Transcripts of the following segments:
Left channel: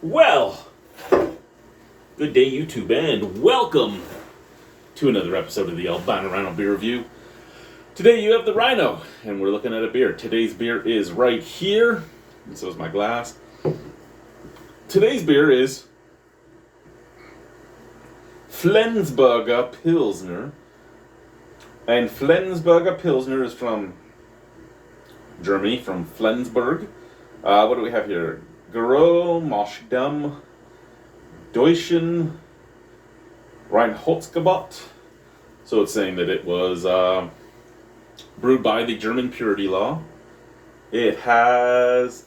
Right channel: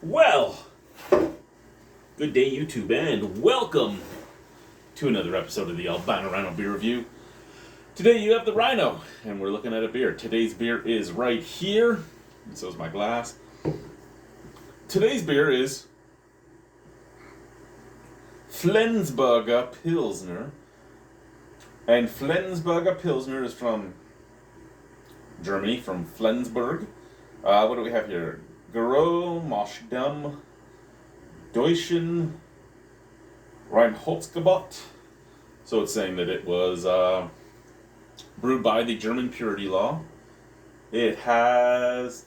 Well, good day YouTube and welcome to another episode of the Albino Rhino Beer Review. Today you have the Rhino and we're looking at a beer. Today's beer is right here, and so is my glass. Today's beer is Flensburger Pilsner. And Flensburger Pilsner is from Germany, from Flensburg. What do we have here? Gerolmosdam Deutschen Reinholzgebot. So it's saying that it was brewed by the German purity law. It has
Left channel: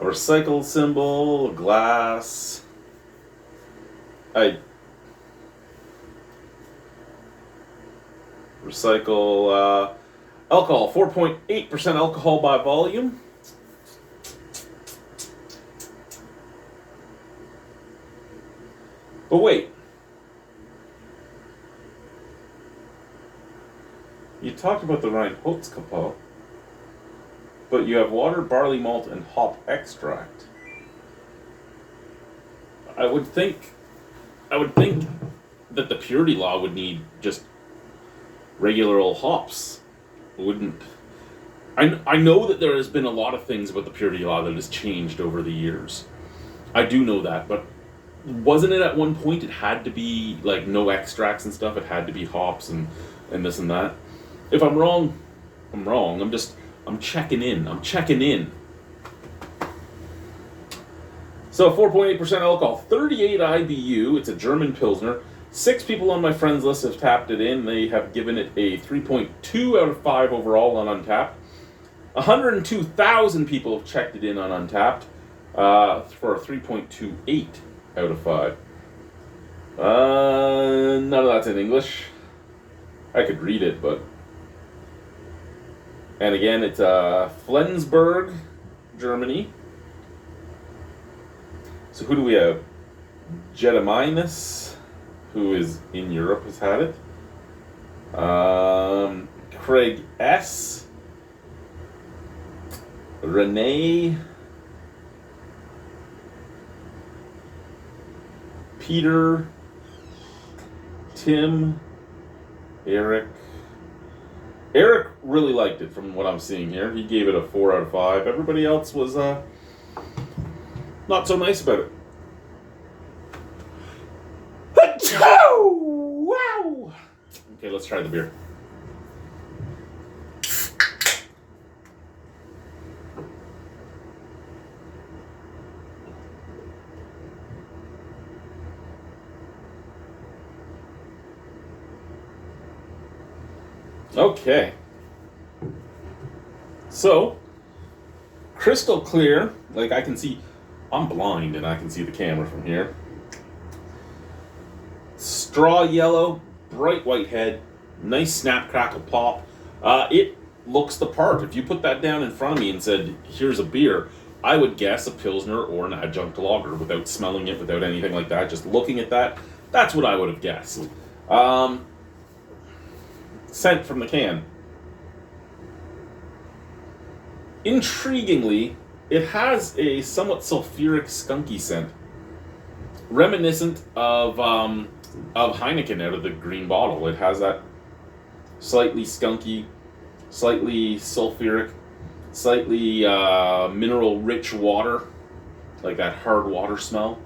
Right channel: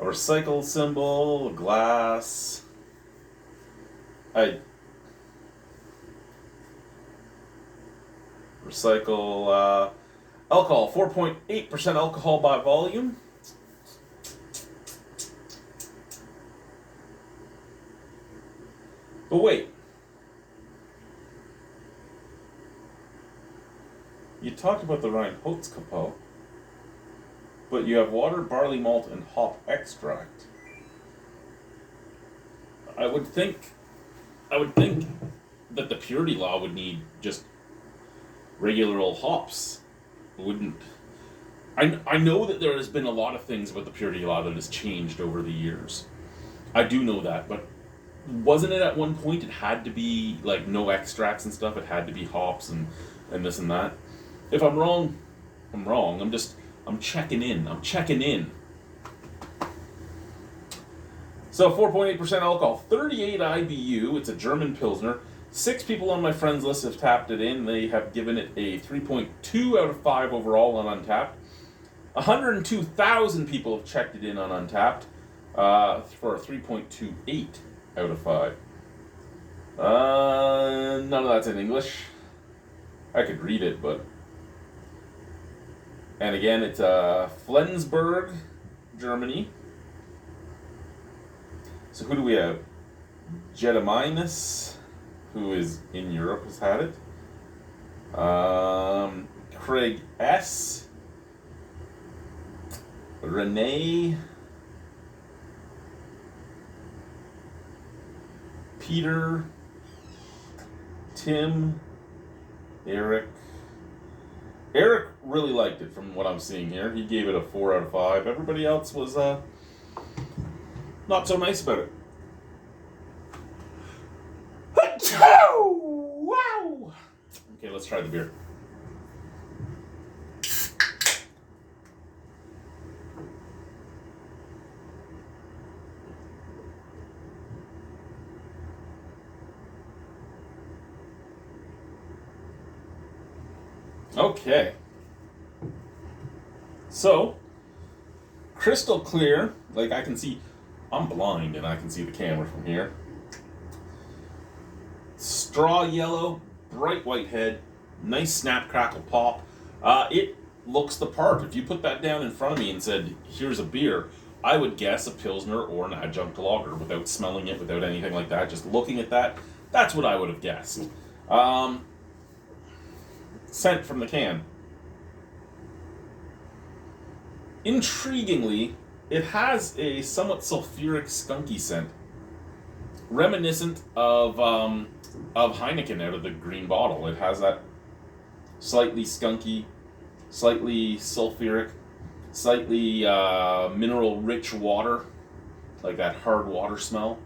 a recycled symbol, a glass. Recycle alcohol, 4.8% alcohol by volume. But wait, you talked about the Reinholzgebot, but you have water, barley malt, and hop extract. I would think that the purity law would need just regular old hops. Wouldn't. I know that there has been a lot of things about the purity law that has changed over the years. I do know that, but wasn't it at one point it had to be like no extracts and stuff? It had to be hops and this and that. If I'm wrong, I'm wrong. I'm checking in. So 4.8% alcohol, 38 IBU. It's a German Pilsner. 6 people on my friends list have tapped it in. They have given it a 3.2 out of 5 overall on Untappd. 102,000 people have checked it in on Untappd for a 3.28 out of 5. None of that's in English. I could read it, but... And again, it's Flensburg, Germany. So who do we have? Jedaminas, who is in Europe, has had it. Craig S. Renee. Peter. Tim. Eric. Eric really liked it from what I'm seeing here. He gave it a 4 out of 5. Everybody else was not so nice about it. Wow! Okay, let's try the beer. Okay. So, crystal clear. Like I can see, I'm blind and I can see the camera from here. Straw yellow, bright white head, nice snap, crackle, pop. It looks the part. If you put that down in front of me and said, here's a beer, I would guess a Pilsner or an adjunct lager without smelling it, without anything like that. Just looking at that, that's what I would have guessed. Scent from the can. Intriguingly, it has a somewhat sulfuric, skunky scent, reminiscent of Heineken out of the green bottle. It has that slightly skunky, slightly sulfuric, slightly mineral-rich water, like that hard water smell.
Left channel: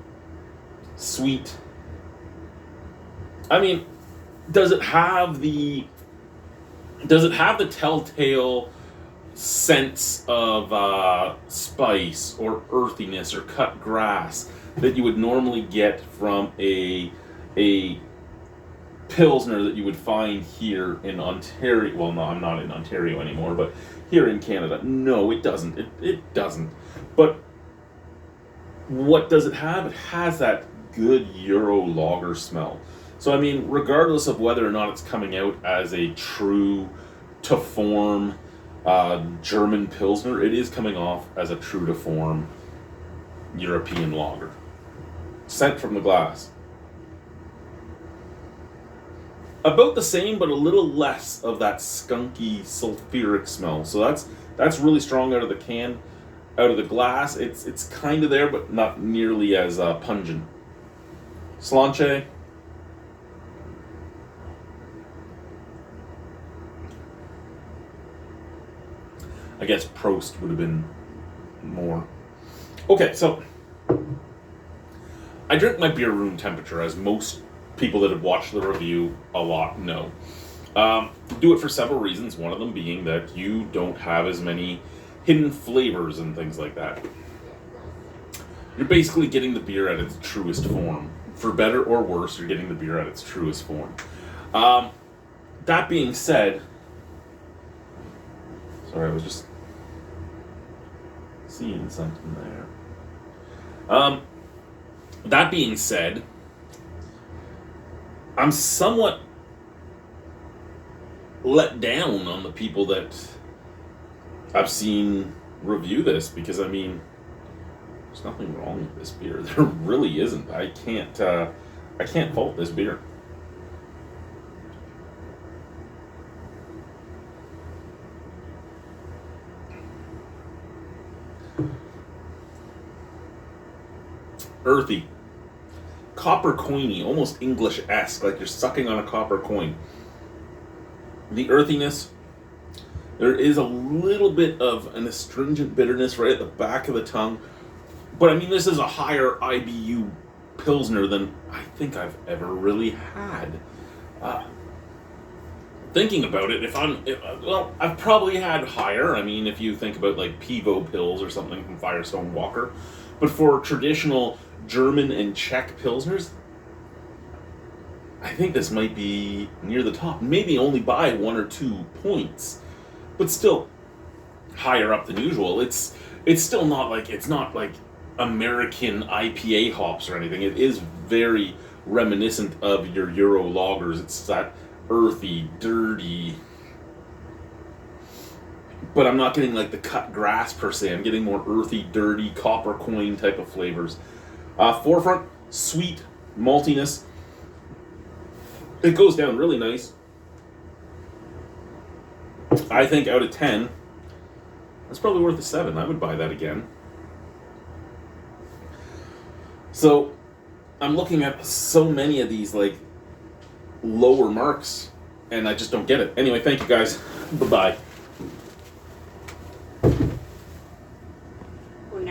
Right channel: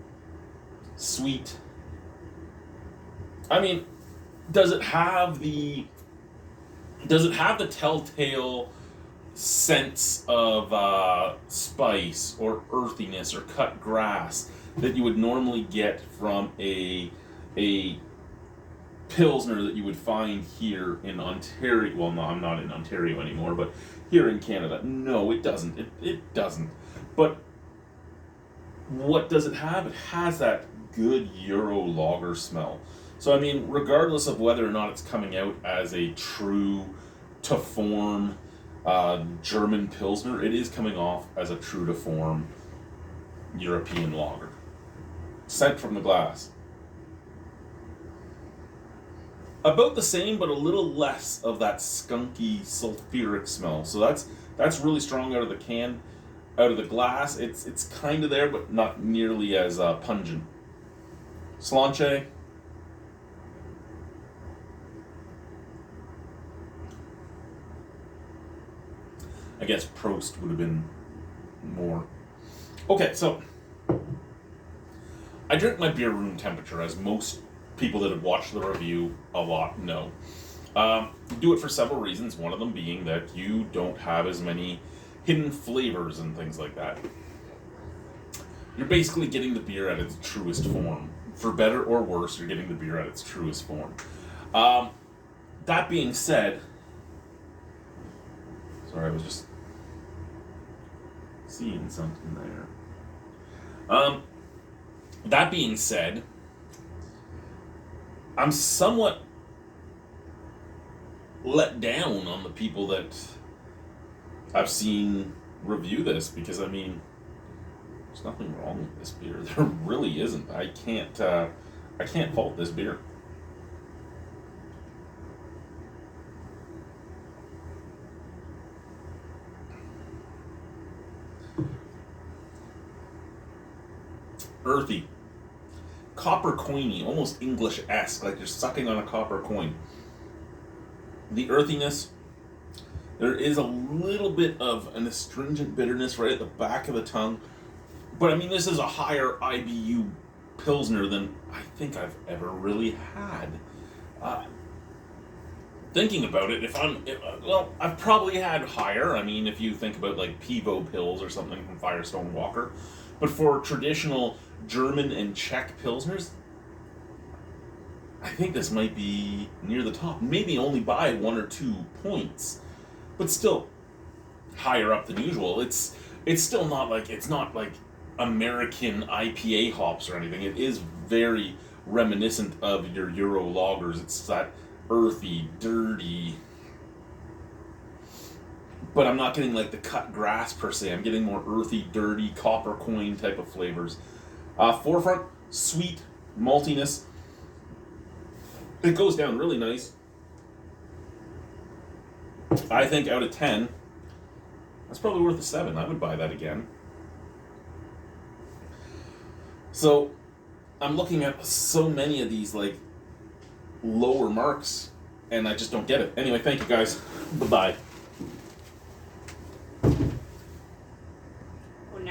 Sweet. I mean, does it have the telltale sense of spice or earthiness or cut grass that you would normally get from a Pilsner that you would find here in Ontario? Well, no, I'm not in Ontario anymore, but here in Canada. No, it doesn't. It doesn't. But what does it have? It has that good Euro lager smell. So, I mean, regardless of whether or not it's coming out as a true to form German Pilsner, it is coming off as a true to form European lager. Scent from the glass. About the same, but a little less of that skunky sulfuric smell. So that's really strong out of the can. out of the glass, it's kind of there, but not nearly as pungent. Sláinte. I guess Prost would have been more. Okay, so I drink my beer room temperature, as most people that have watched the review a lot know. Do it for several reasons, one of them being that you don't have as many hidden flavors and things like that. You're basically getting the beer at its truest form. For better or worse, you're getting the beer at its truest form. That being said, sorry, I was just seeing something there. That being said, I'm somewhat let down on the people that I've seen review this, because I mean, there's nothing wrong with this beer. There really isn't. I can't fault this beer. Earthy, copper coiny, almost English-esque, like you're sucking on a copper coin. The earthiness, there is a little bit of an astringent bitterness right at the back of the tongue, but I mean, this is a higher IBU Pilsner than I think I've ever really had. Thinking about it, I've probably had higher. I mean, if you think about like Pivo Pils or something from Firestone Walker, but for traditional German and Czech Pilsners, I think this might be near the top, maybe only by 1 or 2 points, but still higher up than usual. It's still not like, it's not like American IPA hops or anything. It is very reminiscent of your Euro lagers. It's that earthy, dirty, but I'm not getting like the cut grass per se. I'm getting more earthy, dirty, copper coin type of flavors. Forefront, sweet, maltiness. It goes down really nice. I think out of 10, that's probably worth a 7. I would buy that again. So I'm looking at so many of these like lower marks, and I just don't get it. Anyway, thank you guys. Bye-bye.